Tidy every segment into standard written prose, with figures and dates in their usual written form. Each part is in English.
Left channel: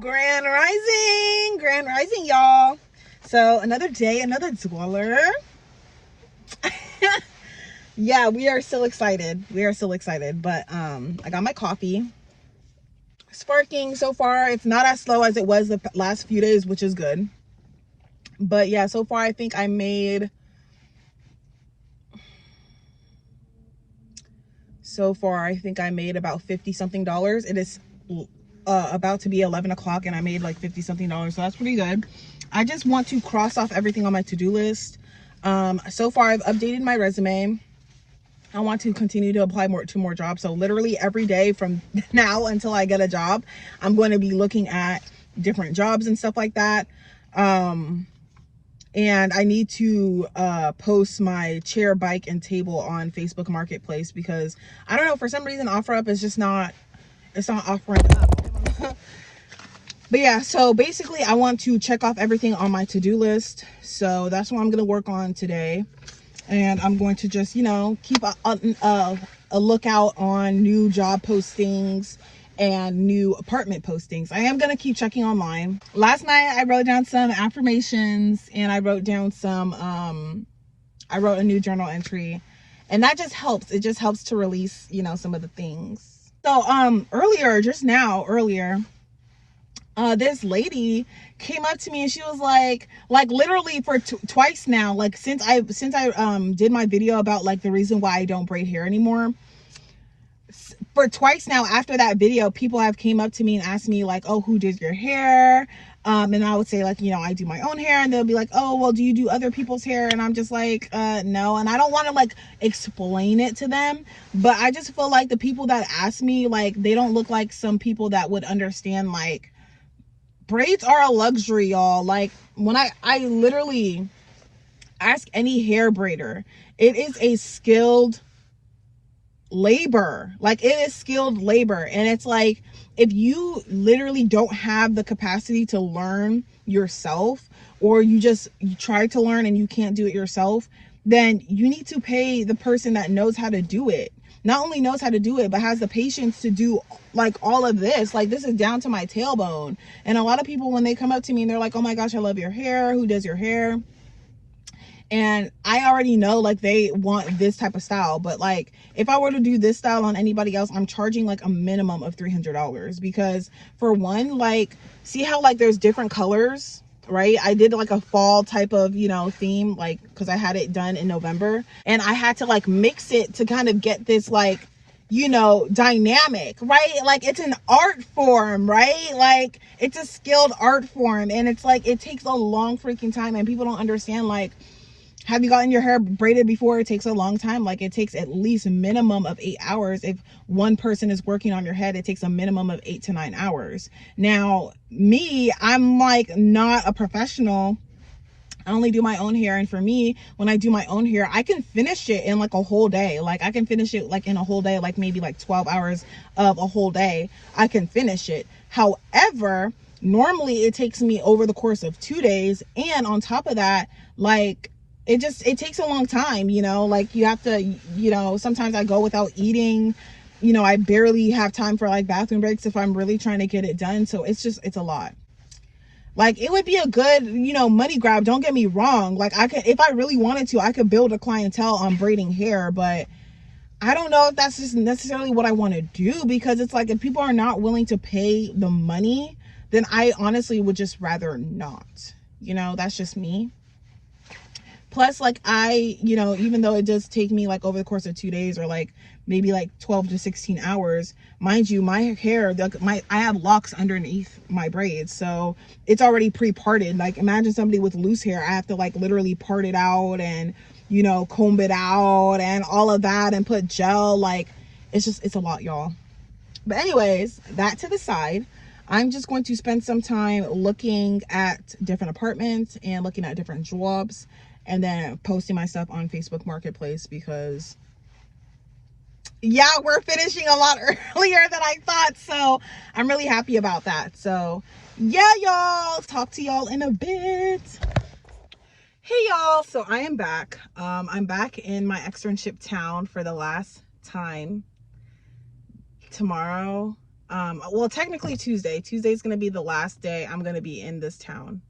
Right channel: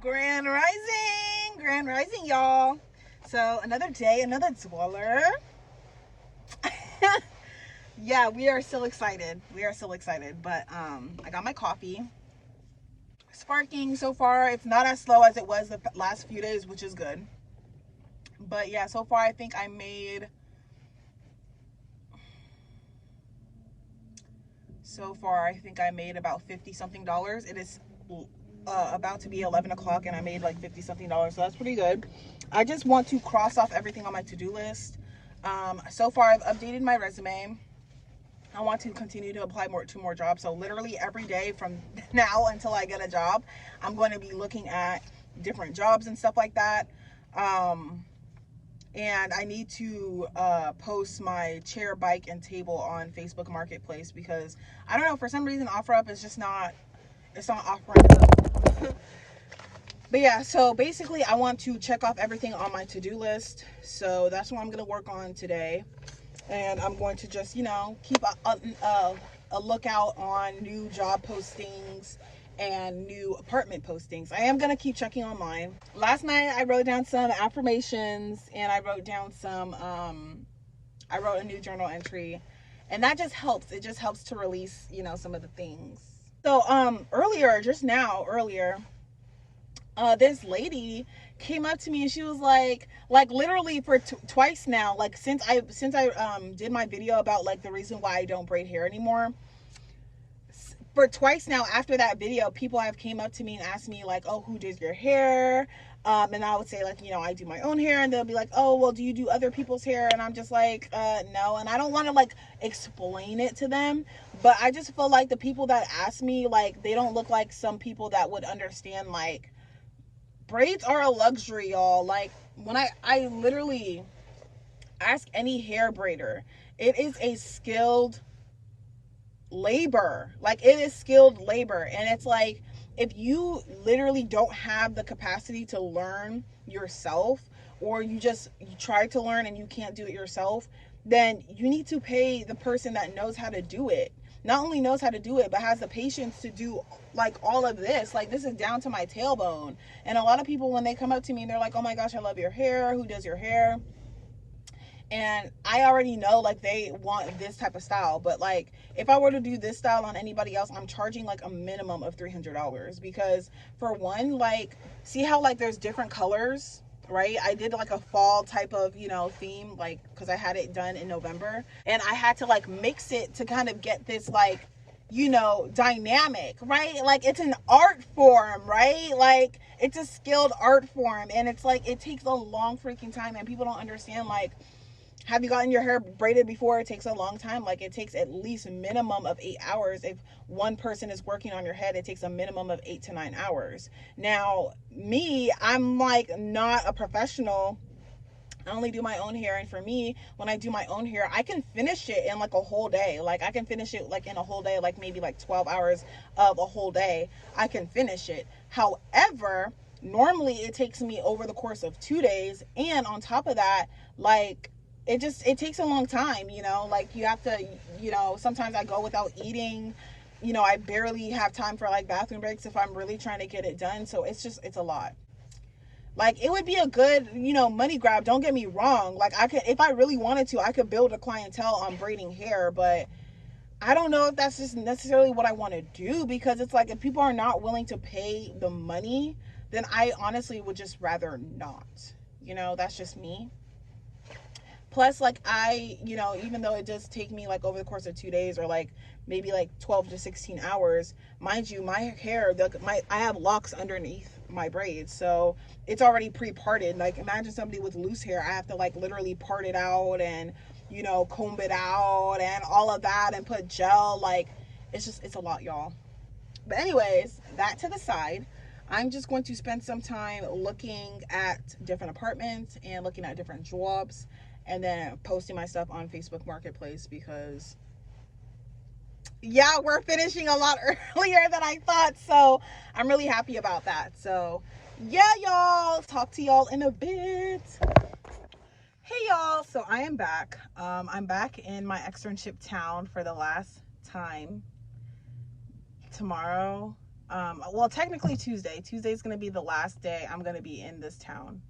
Grand rising, y'all. So another day, another dweller. Yeah, we are still excited. But I got my coffee. Sparking so far. It's not as slow as it was the last few days, which is good. But yeah, so far I think I made about 50 something dollars. It is about to be 11 o'clock and I made like 50 something dollars, so that's pretty good. I just want to cross off everything on my to-do list. So far I've updated my resume. I want to continue to apply to more jobs. So literally every day from now until I get a job, I'm going to be looking at different jobs and stuff like that. And I need to post my chair, bike, and table on Facebook Marketplace because I don't know, for some reason OfferUp is just not, it's not offering up. But yeah, so basically I want to check off everything on my to-do list. So that's what I'm going to work on today. And I'm going to just, keep a lookout on new job postings and new apartment postings. I am going to keep checking online. Last night I wrote down some affirmations and I wrote down I wrote a new journal entry, and that just helps. It just helps to release, some of the things. So earlier, this lady came up to me and she was like literally for twice now, like since I did my video about like the reason why I don't braid hair anymore, for twice now after that video, people have came up to me and asked me like, oh, who did your hair? And I would say like, I do my own hair, and they'll be like, oh, well, do you do other people's hair? And I'm just like, no. And I don't want to like explain it to them, but I just feel like the people that ask me, like, they don't look like some people that would understand, like, braids are a luxury, y'all. Like, when I literally ask any hair braider, it is a skilled labor. Like, it is skilled labor. And it's like, if you literally don't have the capacity to learn yourself, or you try to learn and you can't do it yourself, then you need to pay the person that knows how to do it. Not only knows how to do it, but has the patience to do like all of this. Like, this is down to my tailbone. And a lot of people, when they come up to me and they're like, oh my gosh, I love your hair, who does your hair? And I already know like they want this type of style, but like if I were to do this style on anybody else, I'm charging like a minimum of $300, because for one, like, see how like there's different colors, right? I did like a fall type of, theme, like, because I had it done in November, and I had to like mix it to kind of get this like, dynamic, right? Like, it's an art form, right? Like, it's a skilled art form, and it's like, it takes a long freaking time, and people don't understand. Like, have you gotten your hair braided before? It takes a long time. Like, it takes at least a minimum of 8 hours. If one person is working on your head, it takes a minimum of 8 to 9 hours. Now, me, I'm like not a professional. I only do my own hair. And for me, when I do my own hair, I can finish it in like a whole day. Like, I can finish it like in a whole day, like maybe like 12 hours of a whole day. I can finish it. However, normally it takes me over the course of 2 days. And on top of that, like, it takes a long time, like, you have to, sometimes I go without eating, I barely have time for like bathroom breaks if I'm really trying to get it done. So it's a lot. Like, it would be a good, money grab, don't get me wrong. Like, I could, if I really wanted to, I could build a clientele on braiding hair, but I don't know if that's just necessarily what I want to do, because it's like, if people are not willing to pay the money, then I honestly would just rather not. That's just me. Plus, like, I, even though it does take me like over the course of 2 days, or like maybe like 12 to 16 hours, mind you, my hair, I have locks underneath my braids, so it's already pre-parted. Like, imagine somebody with loose hair, I have to like literally part it out and, comb it out and all of that and put gel. Like, it's a lot, y'all. But anyways, that to the side, I'm just going to spend some time looking at different apartments and looking at different jobs, and then posting my stuff on Facebook Marketplace, because yeah, we're finishing a lot earlier than I thought. So I'm really happy about that. So yeah, y'all, talk to y'all in a bit. Hey y'all, so I am back. I'm back in my externship town for the last time. Tomorrow Well, technically Tuesday. Tuesday's going to be the last day I'm going to be in this town.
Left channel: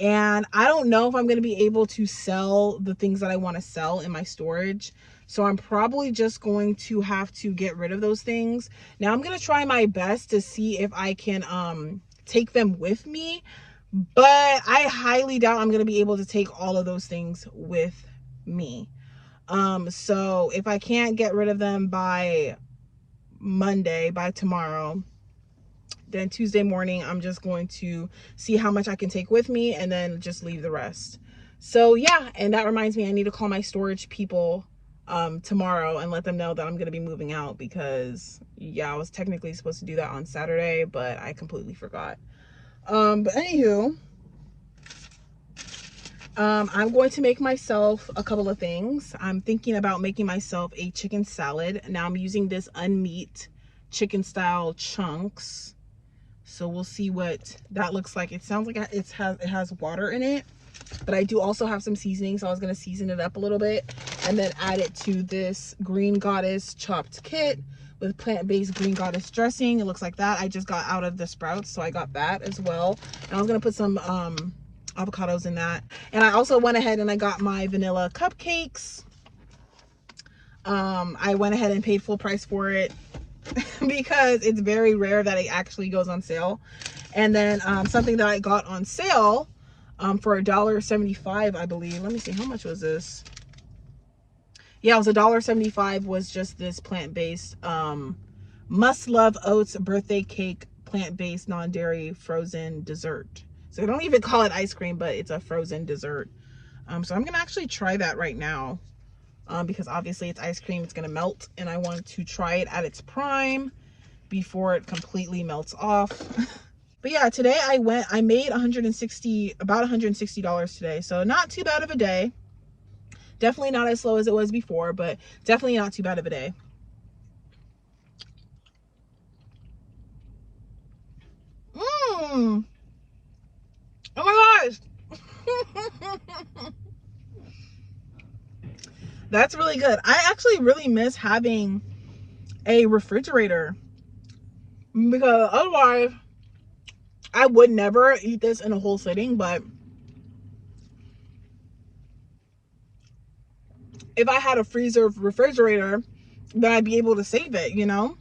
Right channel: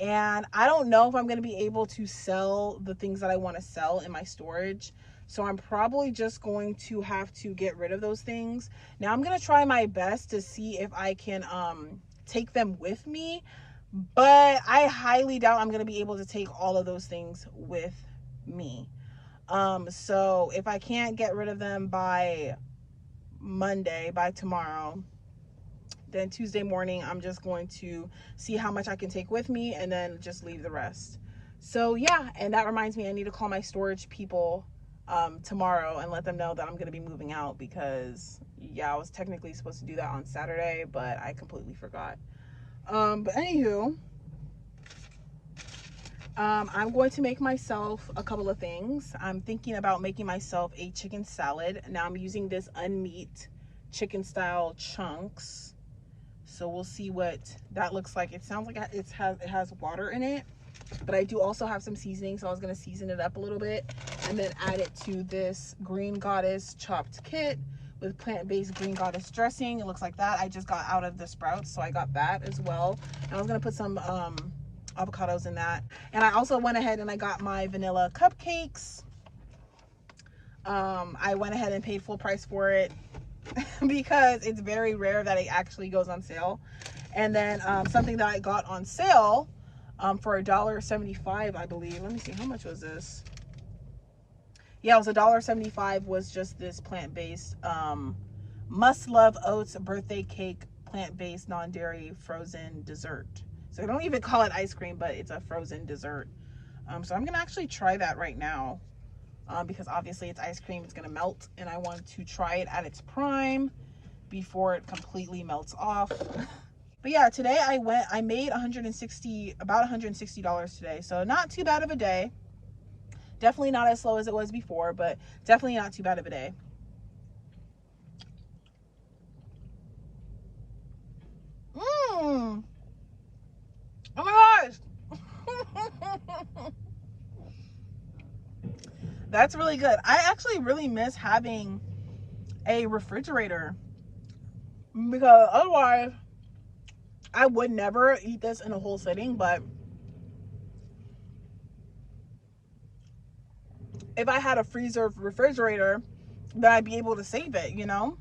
And I don't know if I'm going to be able to sell the things that I want to sell in my storage. So I'm probably just going to have to get rid of those things. Now I'm going to try my best to see if I can take them with me. But I highly doubt I'm going to be able to take all of those things with me. So if I can't get rid of them by Monday, by tomorrow, then Tuesday morning I'm just going to see how much I can take with me and then just leave the rest. So yeah, and that reminds me, I need to call my storage people tomorrow and let them know that I'm going to be moving out, because yeah, I was technically supposed to do that on Saturday, but I completely forgot. But anywho, I'm going to make myself a couple of things. I'm thinking about making myself a chicken salad. Now I'm using this unmeat chicken style chunks. So we'll see what that looks like. It sounds like it has water in it, but I do also have some seasoning. So I was going to season it up a little bit and then add it to this Green Goddess chopped kit with plant-based Green Goddess dressing. It looks like that. I just got out of the Sprouts, so I got that as well. And I was going to put some avocados in that. And I also went ahead and I got my vanilla cupcakes. I went ahead and paid full price for it because it's very rare that it actually goes on sale. And then something that I got on sale for $1.75, I believe. Let me see, how much was this? Yeah, it was $1.75, was just this plant-based Must Love Oats birthday cake, plant-based non-dairy frozen dessert. So I don't even call it ice cream, but it's a frozen dessert. So I'm gonna actually try that right now, because obviously it's ice cream, it's gonna melt, and I want to try it at its prime before it completely melts off. But yeah, today I made about $160 today, so not too bad of a day. Definitely not as slow as it was before, but definitely not too bad of a day. Oh my gosh. That's really good. I actually really miss having a refrigerator, because otherwise I would never eat this in a whole sitting. But if I had a freezer refrigerator, then I'd be able to save it, you know?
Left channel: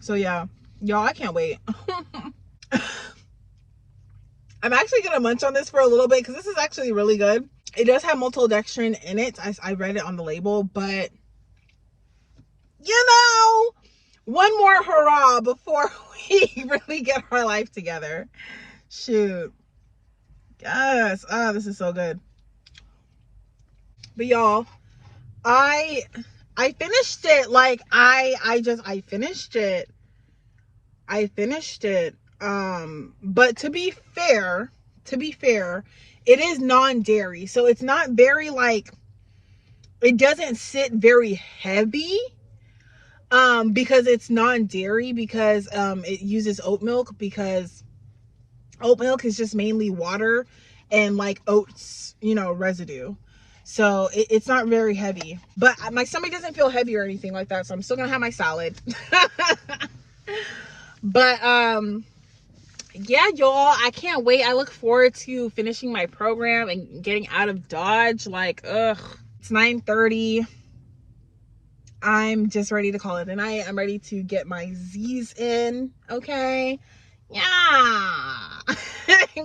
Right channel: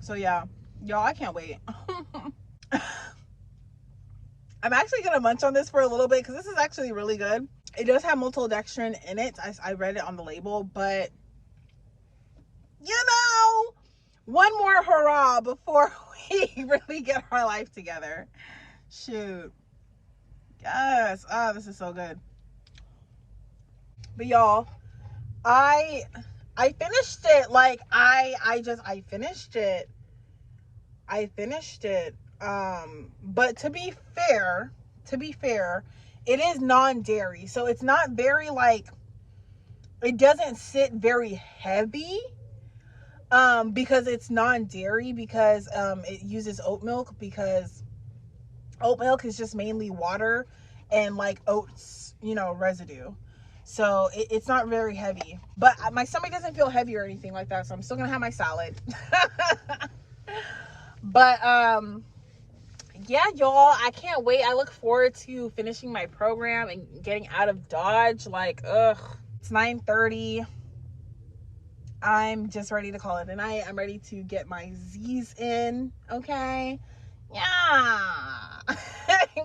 So yeah, y'all, I can't wait. I'm actually gonna munch on this for a little bit because this is actually really good. It does have maltodextrin in it. I read it on the label, but you know, one more hurrah before we really get our life together. Shoot. Yes. Ah, this is so good. But y'all, I finished it. Like I finished it. I finished it. But to be fair, it is non-dairy. So it's not very, like, it doesn't sit very heavy. Because it's non-dairy, because it uses oat milk, because oat milk is just mainly water and like oats, you know, residue. So it's not very heavy, but my stomach doesn't feel heavy or anything like that. So I'm still gonna have my salad. But yeah, y'all, I can't wait. I look forward to finishing my program and getting out of Dodge. Like, ugh, it's 9:30. I'm just ready to call it a night. I'm ready to get my Z's in. Okay. Yeah.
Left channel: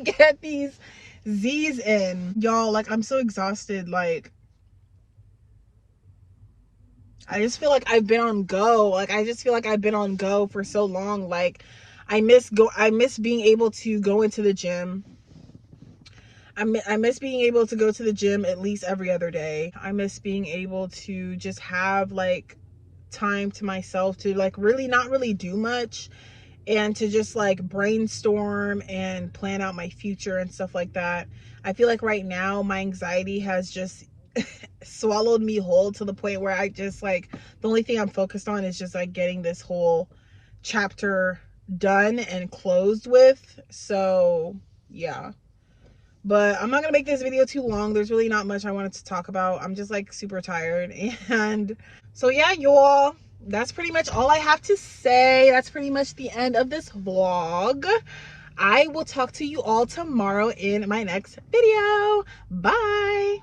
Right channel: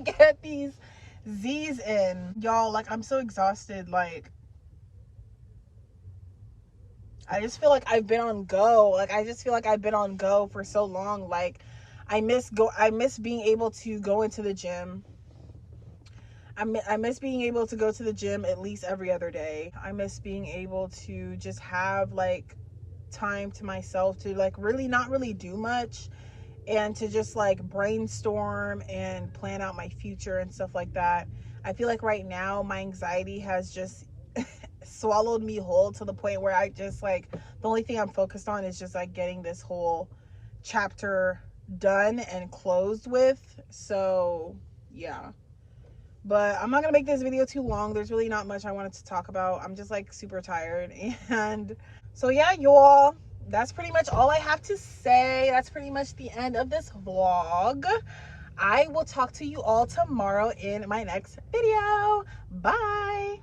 Get these Z's in. Y'all, like, I'm so exhausted. Like, I just feel like I've been on go. Like, I just feel like I've been on go for so long. Like, I miss being able to go into the gym. I miss being able to go to the gym at least every other day. I miss being able to just have, like, time to myself to, like, really not really do much, and to just, like, brainstorm and plan out my future and stuff like that. I feel like right now my anxiety has just swallowed me whole, to the point where I just, like, the only thing I'm focused on is just, like, getting this whole chapter done and closed with. So yeah, but I'm not gonna make this video too long. There's really not much I wanted to talk about. I'm just, like, super tired. And so yeah, y'all, that's pretty much all I have to say. That's pretty much the end of this vlog. I will talk to you all tomorrow in my next video. Bye.